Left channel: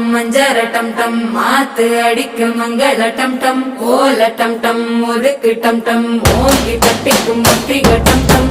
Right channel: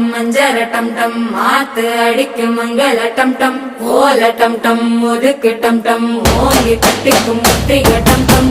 ஆட்டம் மஞ்சர டம் டம் மாத்து அடிக்கும் மங்கள டம் டம் ஓல டம் டம் ஒதுக்கு டம் டம் ஓங்கி கட்டிக்கும் ஒத்திக டம் டம்